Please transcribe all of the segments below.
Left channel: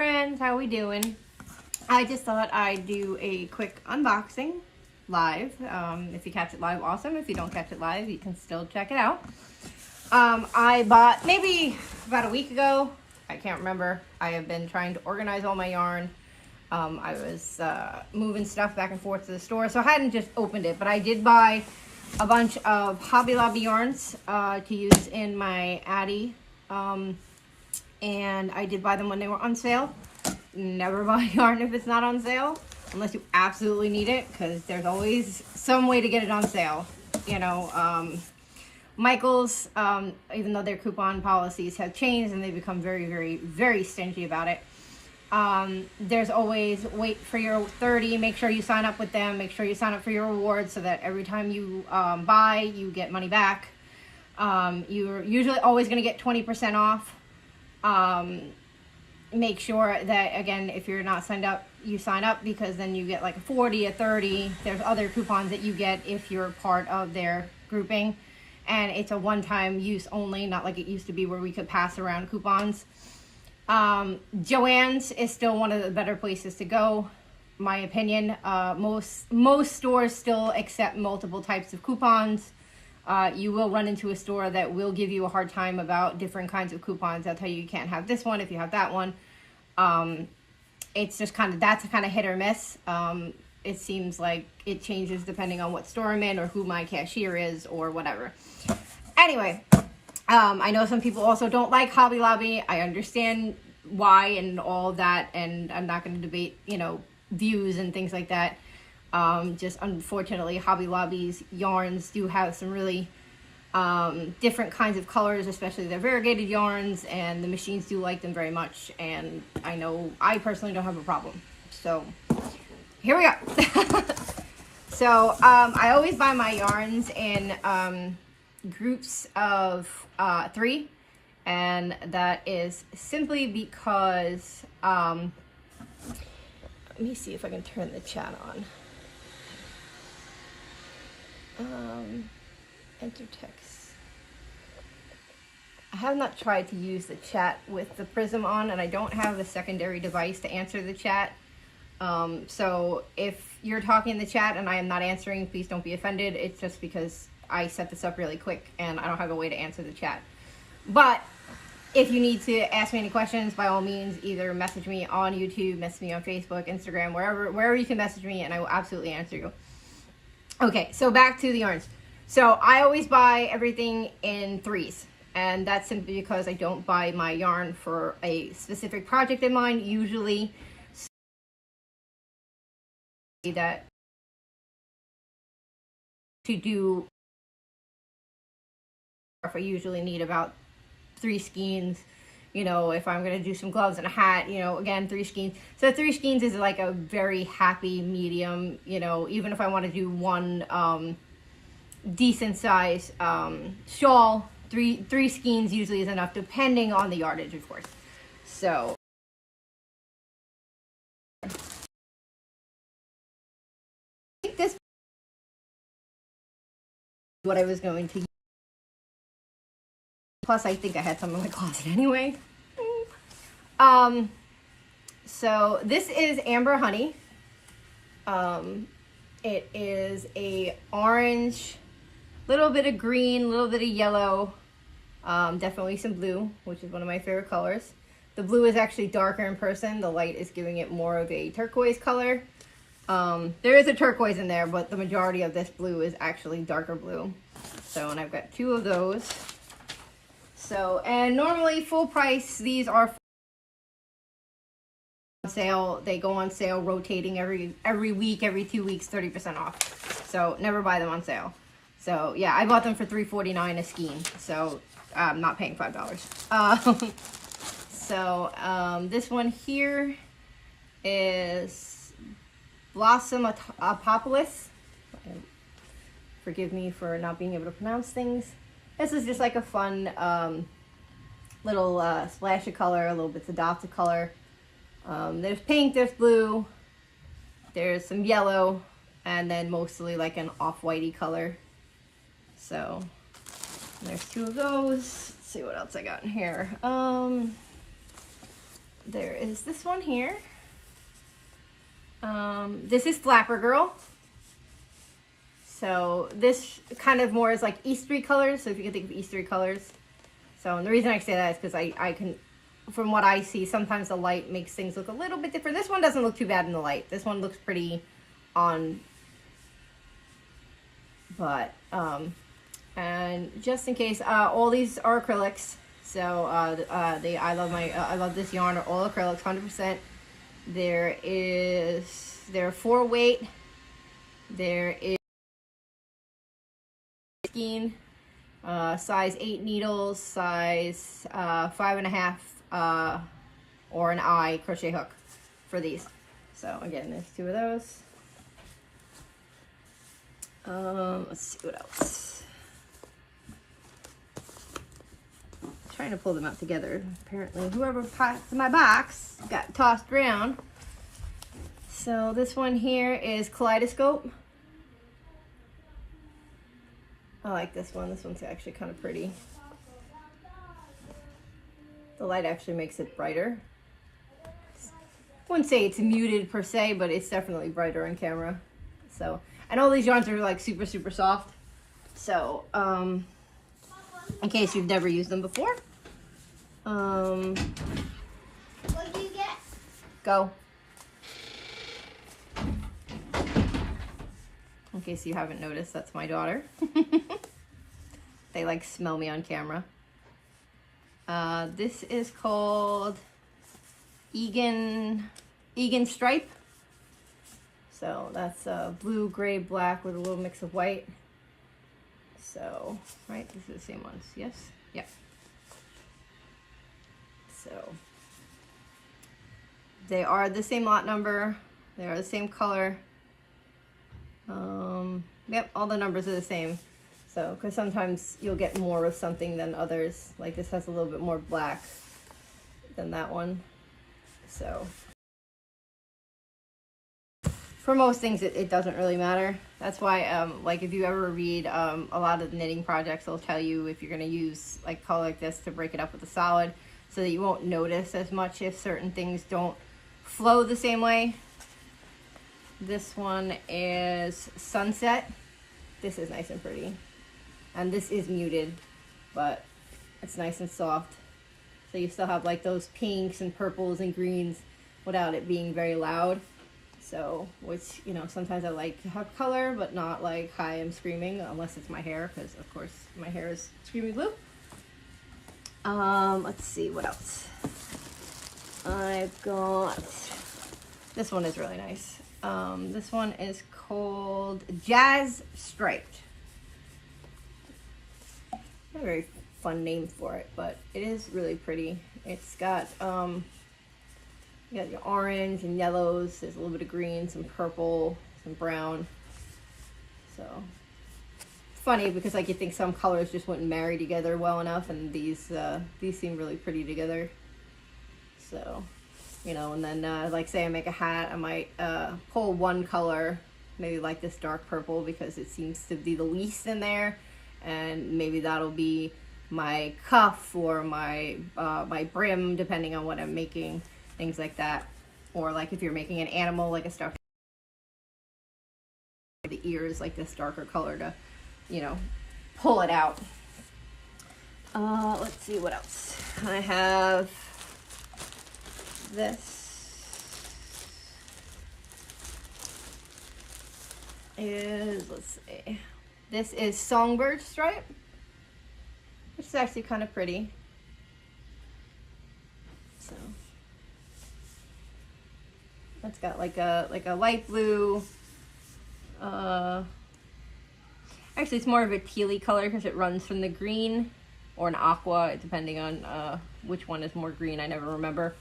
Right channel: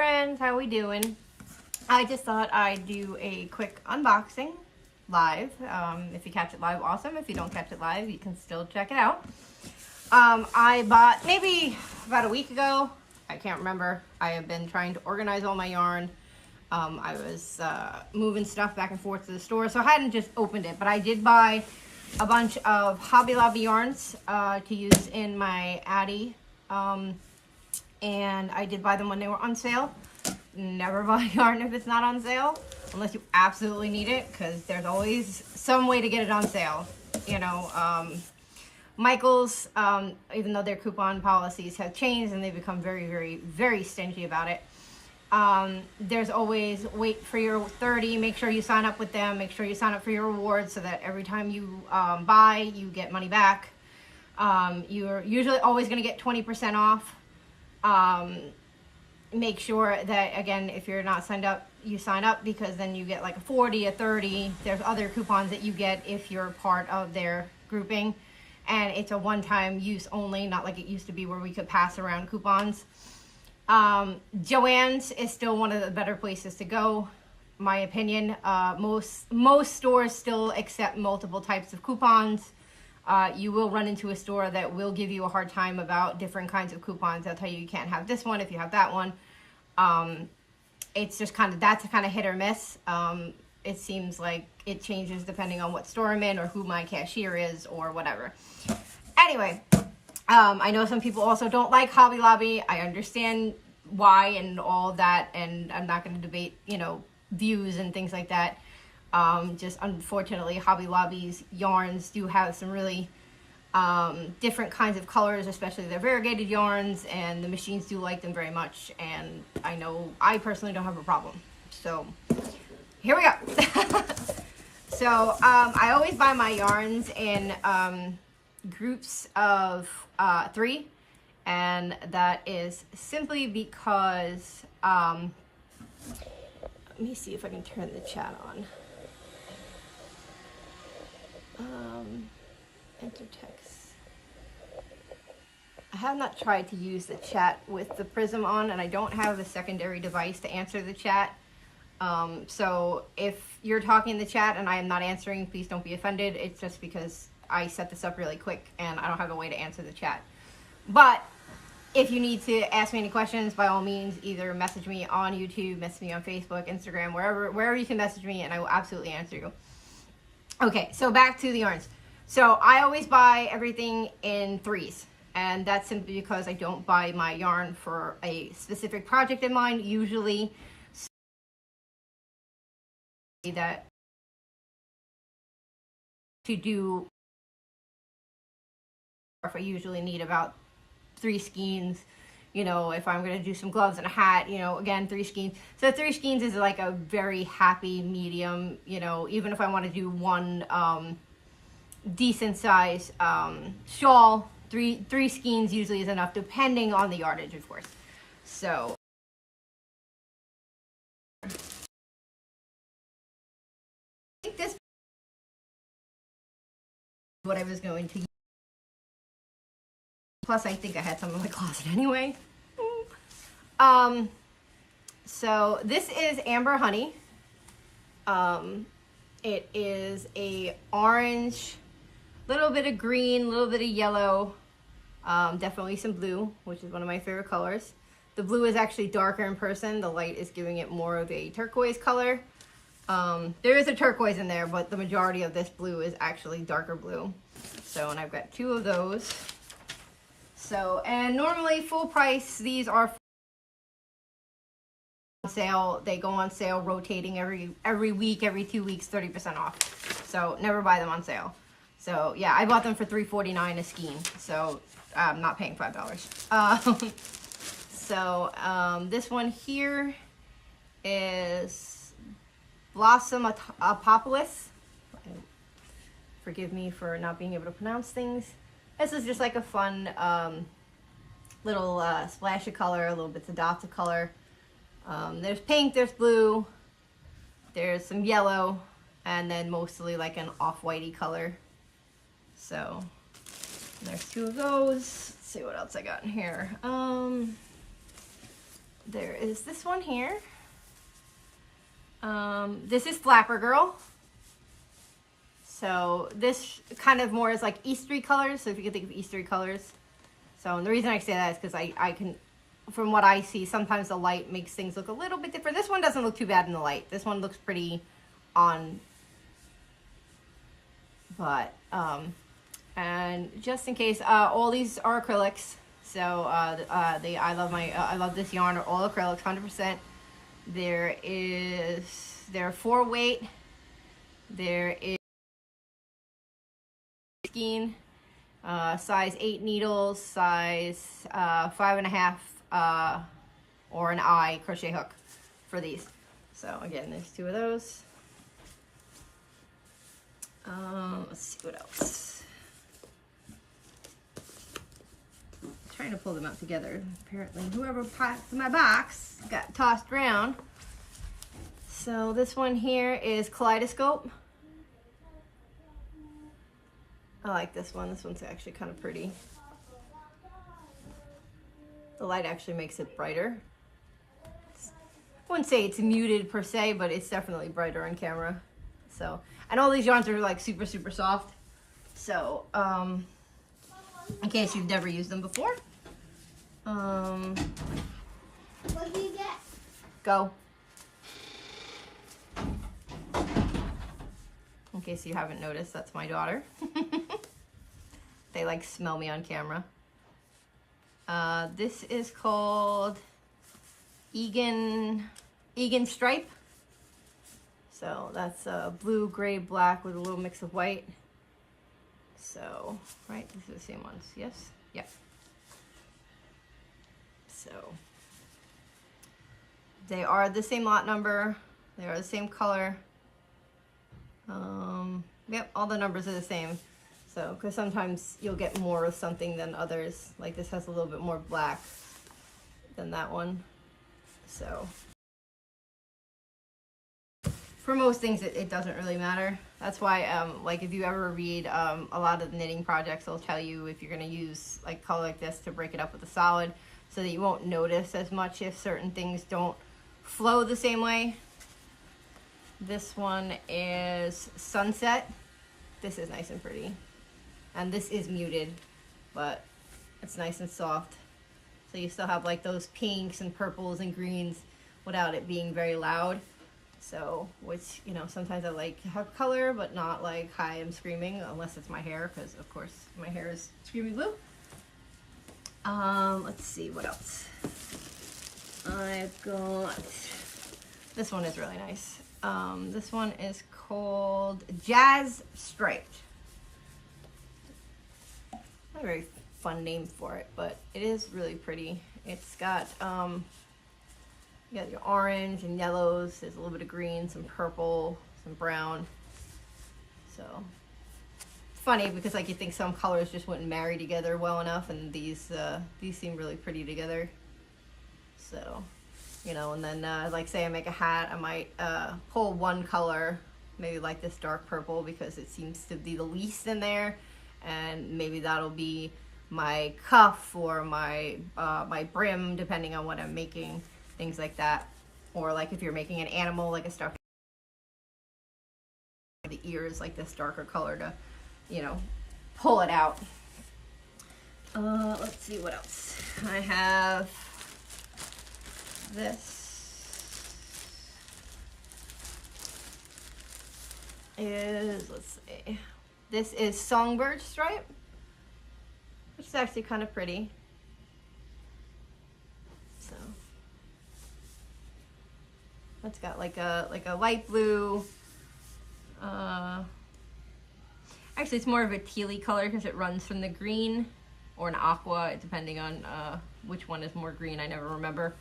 friends, how we doing? I just thought I'd do a quick unboxing live. If you catch it live, awesome. If you don't catch it live, you can still check it out. I bought maybe about a week ago. I can't remember. I have been trying to organize all my yarn. I was moving stuff back and forth to the store, so I hadn't just opened it, but I did buy a bunch of Hobby Lobby yarns to use in my Addi. And I did buy them when they were on sale. Never buy yarn if it's not on sale, unless you absolutely need it, because there's always some way to get it on sale. You know, Michael's, even though their coupon policies have changed and they've become very, very, very stingy about it, there's always wait for your 30, make sure you sign up with them, make sure you sign up for your rewards so that every time you buy, you get money back. You're usually always going to get 20% off. Make sure that, again, if you're not signed up, you sign up, because then you get like a 40, a 30. There's other coupons that you get if you're part of their grouping, and it's a one-time use only, not like it used to be where we could pass around coupons. Joann's is still one of the better places to go, my opinion. Most stores still accept multiple types of coupons. You will run into a store that will give you a hard time about different kinds of coupons. They'll tell you can't have this one if you have that one. It's just that's kind of hit or miss. It seems like it changes depending on what store I'm in or who my cashier is or whatever. Anyway, I know some people also don't like Hobby Lobby. I understand why and all that, and I'm not going to debate, you know, views and things like that. Just unfortunately, Hobby Lobby's yarns do have some really different kinds of colors, especially their variegated yarns, and the machines do like them very much, and I know I personally don't have a problem. So here we are. So I always buy my yarns in groups of 3, and that is simply because let me see if I can turn the chat on. Enter text. I have not tried to use the chat with the Prism on, and I don't have a secondary device to answer the chat. So if you're talking in the chat and I am not answering, please don't be offended. It's just because I set this up really quick and I don't have a way to answer the chat. But if you need to ask me any questions, by all means, either message me on YouTube, message me on Facebook, Instagram, wherever you can message me, and I will absolutely answer you. Okay, so back to the yarns. So I always buy everything in 3s, and that's simply because I don't buy my yarn for a specific project in mind. Usually that to do, if I usually need about 3 skeins, you know, if I'm going to do some gloves and a hat, you know, again, 3 skeins. So 3 skeins is like a very happy medium, you know, even if I want to do one decent size shawl, 3 skeins usually is enough, depending on the yardage, of course. So I think this is what I was going to use. Plus, I think I had some in my closet anyway. So this is Amber Honey. It is a orange, little bit of green, little bit of yellow, definitely some blue, which is one of my favorite colors. The blue is actually darker in person. The light is giving it more of a turquoise color. There is a turquoise in there, but the majority of this blue is actually darker blue. So, and I've got 2 of those. So, and normally full price, these are on sale. They go on sale rotating every week, every 2 weeks, 30% off. So never buy them on sale. So yeah, I bought them for $3.49 a skein. So I'm not paying $5. This one here is Blossom Apopolis. Forgive me for not being able to pronounce things. This is just like a fun little splash of color, a little bits of dots of color. There's pink, there's blue, there's some yellow, and then mostly like an off-whitey color. So there's 2 of those. Let's see what else I got in here. there is this one here. This is Flapper Girl. So this kind of more is like Eastery colors. So if you can think of Eastery colors. So and the reason I say that is because I can, from what I see, sometimes the light makes things look a little bit different. This one doesn't look too bad in the light. This one looks pretty on. But, and just in case, all these are acrylics. So, I love this yarn are all acrylics, 100%. There are 4 weight. There is skein, size 8 needles, size 5.5, or an eye crochet hook for these. So again, there's 2 of those. Let's see what else. Trying to pull them out together. Apparently, whoever packed my box got tossed around. So this one here is Kaleidoscope. I like this one. This one's actually kind of pretty. The light actually makes it brighter. I wouldn't say it's muted per se, but it's definitely brighter on camera. So, and all these yarns are like super, super soft. So, in case you've never used them before. What did you get? Go. In case you haven't noticed, that's my daughter. They like smell me on camera. This is called Egan Stripe. So that's blue, gray, black with a little mix of white. So, right, this is the same ones, yes? Yep. So, they are the same lot number. They are the same color. Yep, all the numbers are the same. So, because sometimes you'll get more of something than others. Like this has a little bit more black than that one. So, for most things, it doesn't really matter. That's why, like if you ever read a lot of the knitting projects, they'll tell you if you're going to use like color like this to break it up with a solid so that you won't notice as much if certain things don't flow the same way. This one is Sunset. This is nice and pretty. And this is muted, but it's nice and soft. So you still have like those pinks and purples and greens without it being very loud. So, which, you know, sometimes I like to have color, but not like hi, I'm screaming, unless it's my hair, because of course my hair is screaming blue. Let's see, what else? I've got, this one is really nice. This one is called Jazz Striped. Not a very fun name for it, but it is really pretty. It's got, you got your orange and yellows. There's a little bit of green, some purple, some brown. So it's funny because like you think some colors just wouldn't marry together well enough, and these seem really pretty together. So, you know, and then like say I make a hat, I might pull one color, maybe like this dark purple because it seems to be the least in there, and maybe that'll be my cuff or my my brim, depending on what I'm making. Things like that. Or like if you're making an animal, like a star, the ears like this darker color to, you know, pull it out. Let's see what else. I have this. Let's see. This is Songbird Stripe, which is actually kind of pretty. So that's got like a light blue. Actually, it's more of a tealy color because it runs from the green or an aqua, depending on which one is more green. I never remember.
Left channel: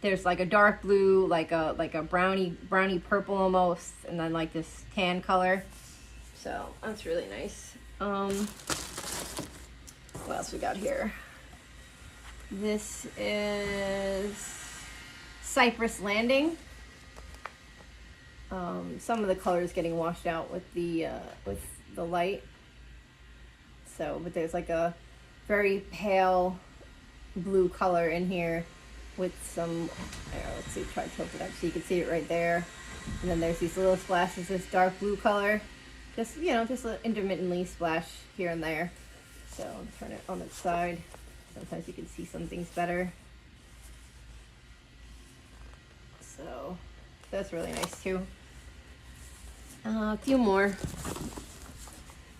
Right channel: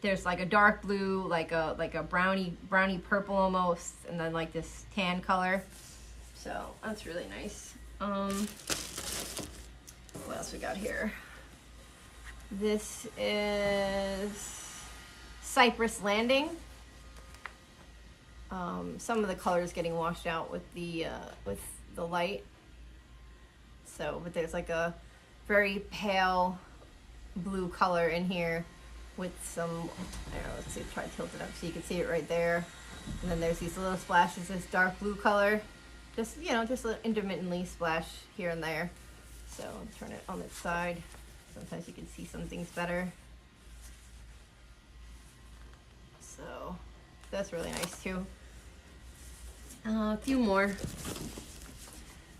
There's like a dark blue, like a brownie purple almost, and then like this tan color. So that's really nice. What else we got here? This is Cypress Landing. Some of the colors getting washed out with the light. So, but there's like a very pale blue color in here, with some, let's see, try to tilt it up so you can see it right there. And then there's these little splashes, this dark blue color. Just, you know, just intermittently splash here and there. So turn it on its side. Sometimes you can see some things better. So that's really nice too. A few more.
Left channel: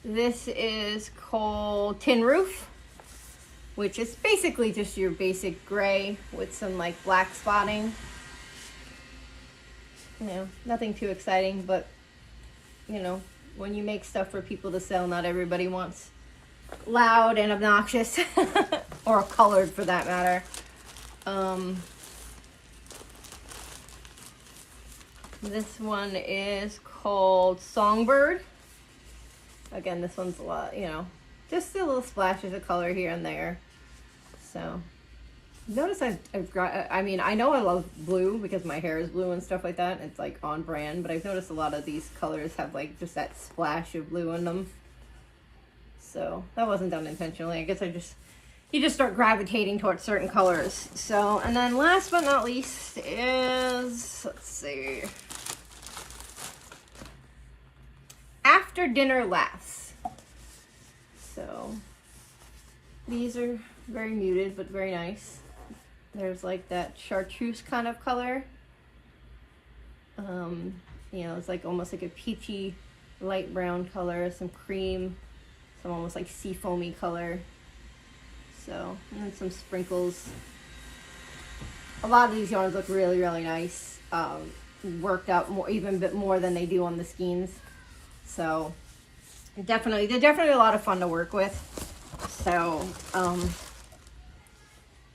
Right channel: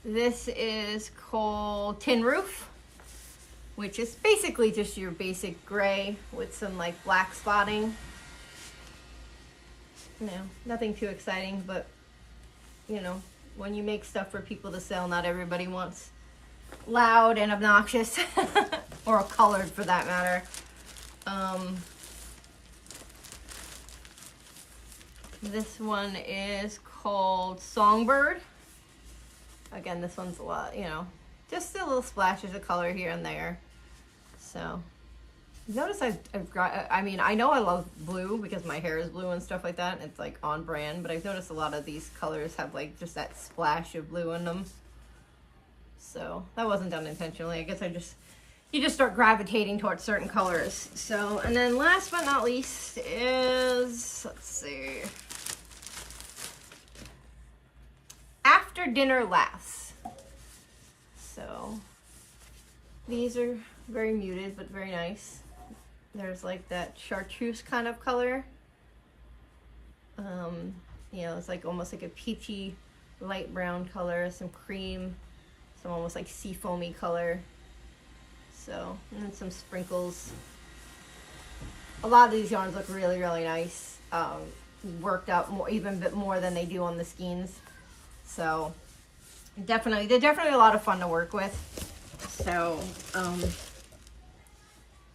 This is called Tin Roof, which is basically just your basic gray with some like black spotting. You know, nothing too exciting, but you know, when you make stuff for people to sell, not everybody wants loud and obnoxious or colored for that matter. This one is called Songbird. Again, this one's a lot, you know, just the little splashes of color here and there. So notice I've got, I mean, I know I love blue because my hair is blue and stuff like that. It's like on brand, but I've noticed a lot of these colors have like just that splash of blue in them. So that wasn't done intentionally. I guess you just start gravitating towards certain colors. So, and then last but not least is, let's see, After Dinner Laughs. So these are very muted, but very nice. There's like that chartreuse kind of color. You know, it's like almost like a peachy light brown color, some cream, some almost like sea foamy color. So, and then some sprinkles. A lot of these yarns look really, really nice. Worked up more, even a bit more than they do on the skeins. So, they're definitely a lot of fun to work with. So,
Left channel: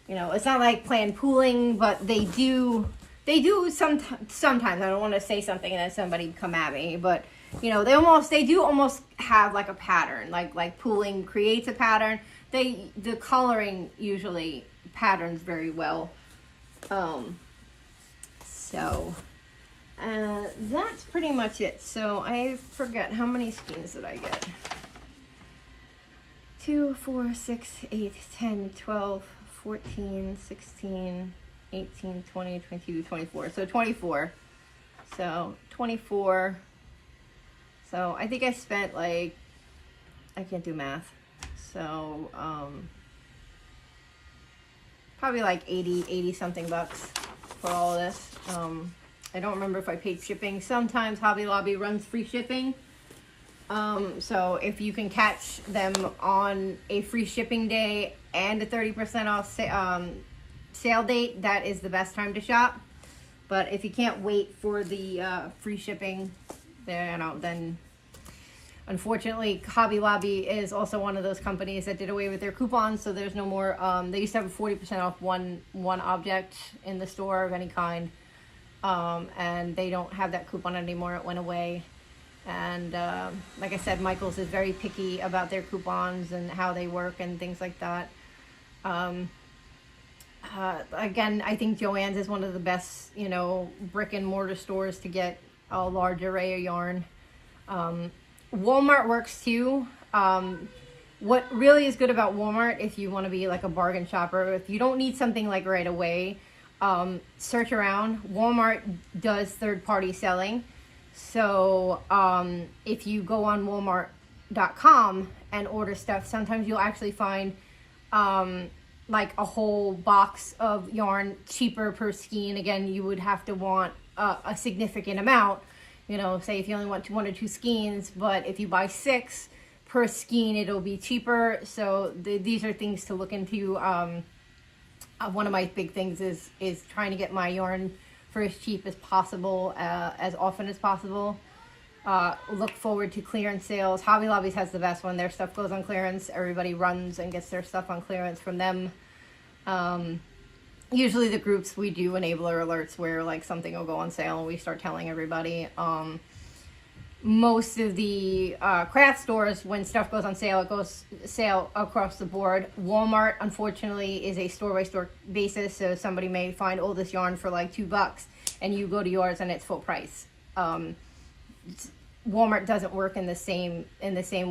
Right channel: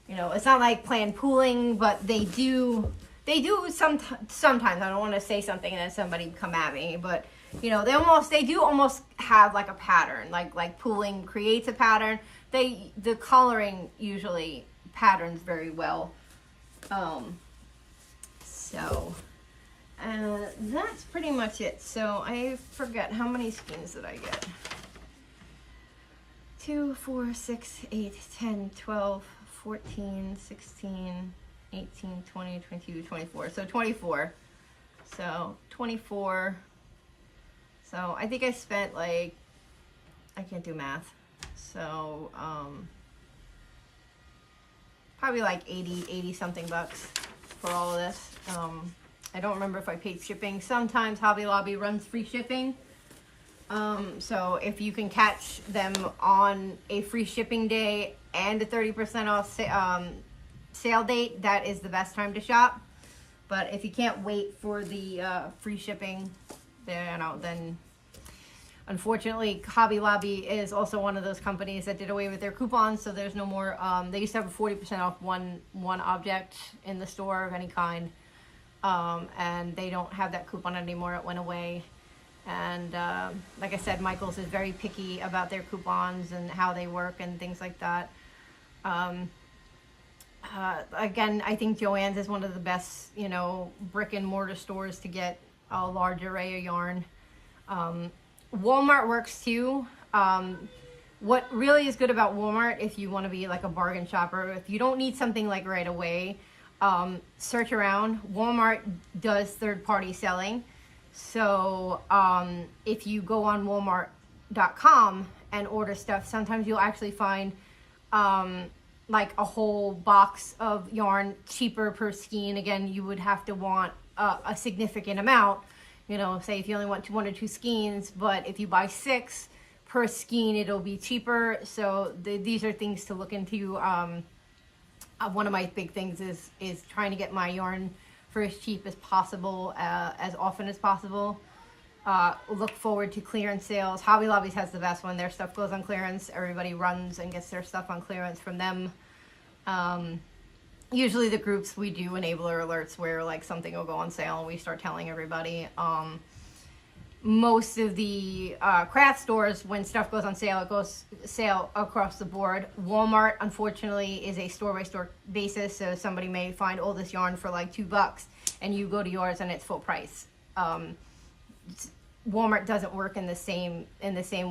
you know, it's not like planned pooling, but they do sometimes. I don't want to say something and then somebody come at me, but you know, they do almost have like a pattern, like pooling creates a pattern. The coloring usually patterns very well. So that's pretty much it. So I forget, how many skeins did I get? 2, 4, 6, 8, 10, 12, 14, 16, 18, 20, 22, 24. So 24. So 24. So I think I spent like, I can't do math. So probably like 80 something bucks for all of this. I don't remember if I paid shipping. Sometimes Hobby Lobby runs free shipping. So if you can catch them on a free shipping day and a 30% off sale date, that is the best time to shop. But if you can't wait for the free shipping, then unfortunately Hobby Lobby is also one of those companies that did away with their coupons, so there's no more. They used to have a 40% off one object in the store of any kind, and they don't have that coupon anymore. It went away. And like I said, Michaels is very picky about their coupons and how they work and things like that. Again, I think Joann's is one of the best, you know, brick and mortar stores to get a large array of yarn. Walmart works too. What really is good about Walmart, if you want to be like a bargain shopper, if you don't need something like right away, search around. Walmart does third-party selling. So if you go on walmart.com and order stuff, sometimes you'll actually find like a whole box of yarn cheaper per skein. Again, you would have to want a significant amount, you know, say if you only want 1 or 2 skeins, but if you buy 6 per skein, it'll be cheaper. So these are things to look into. One of my big things is trying to get my yarn for as cheap as possible, as often as possible. Look forward to clearance sales. Hobby Lobby has the best one. Their stuff goes on clearance. Everybody runs and gets their stuff on clearance from them. Usually the groups, we do enabler alerts where like something will go on sale and we start telling everybody. Most of the craft stores, when stuff goes on sale, it goes sale across the board. Walmart, unfortunately, is a store-by-store basis, so somebody may find, oh, this yarn for like $2, and you go to yours and it's full price. Walmart doesn't work in the same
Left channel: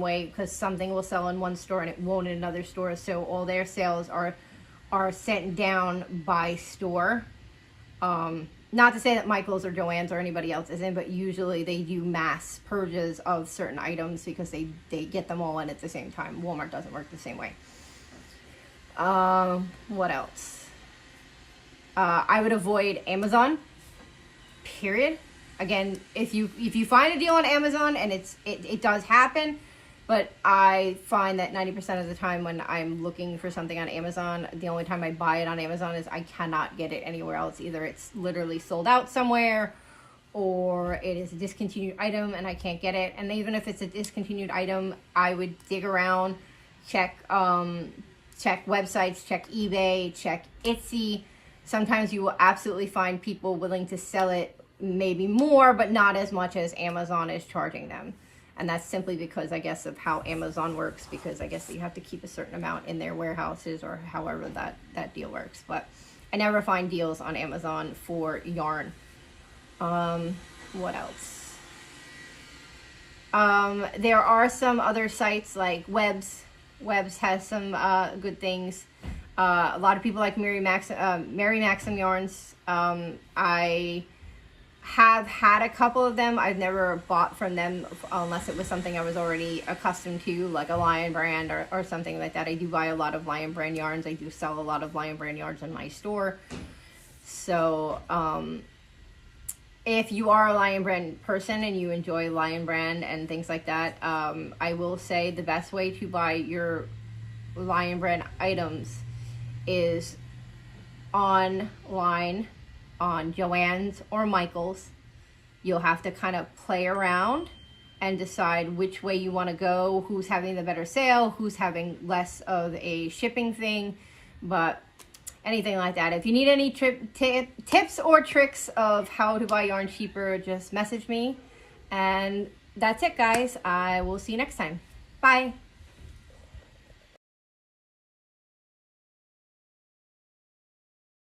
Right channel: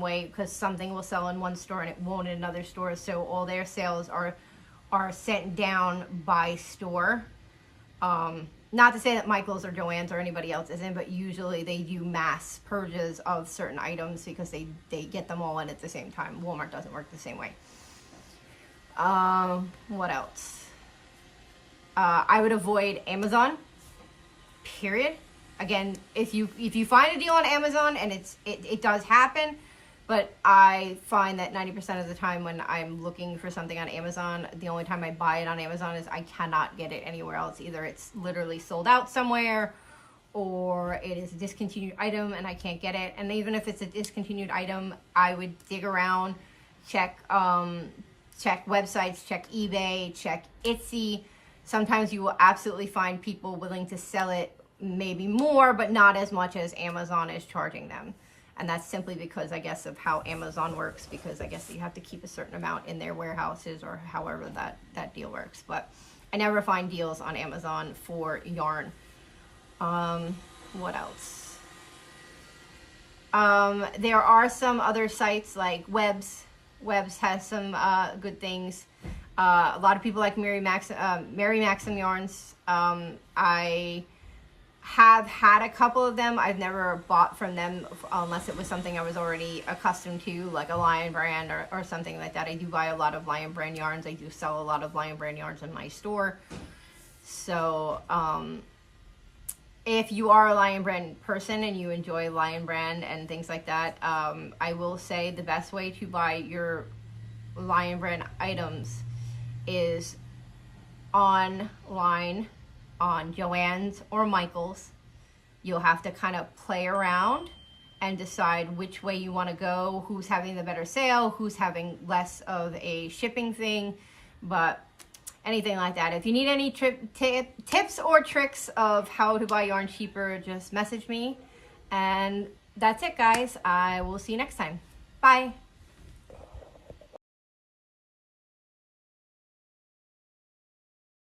way, because something will sell in one store and it won't in another store, so all their sales are are sent down by store. Not to say that Michael's or Joann's or anybody else isn't, but usually they do mass purges of certain items because they get them all in at the same time. Walmart doesn't work the same way. What else? I would avoid Amazon, period. Again, if you find a deal on Amazon, and it does happen, but I find that 90% of the time when I'm looking for something on Amazon, the only time I buy it on Amazon is I cannot get it anywhere else. Either it's literally sold out somewhere, or it is a discontinued item and I can't get it. And even if it's a discontinued item, I would dig around, check websites, check eBay, check Etsy. Sometimes you will absolutely find people willing to sell it maybe more, but not as much as Amazon is charging them. And that's simply because, I guess, of how Amazon works, because I guess you have to keep a certain amount in their warehouses or however that deal works. But I never find deals on Amazon for yarn. What else? There are some other sites like Webs. Webs has some good things. A lot of people like Mary Maxim yarns. I have had a couple of them. I've never bought from them unless it was something I was already accustomed to, like a Lion brand or something like that. I do buy a lot of Lion brand yarns. I do sell a lot of Lion brand yarns in my store. So if you are a Lion brand person and you enjoy Lion brand and things like that, I will say the best way to buy your Lion brand items is online on Joann's or Michael's. You'll have to kind of play around and decide which way you want to go, who's having the better sale, who's having less of a shipping thing, but anything like that. If you need any tips or tricks of how to buy yarn cheaper, just message me. And that's it, guys. I will see you next time. Bye.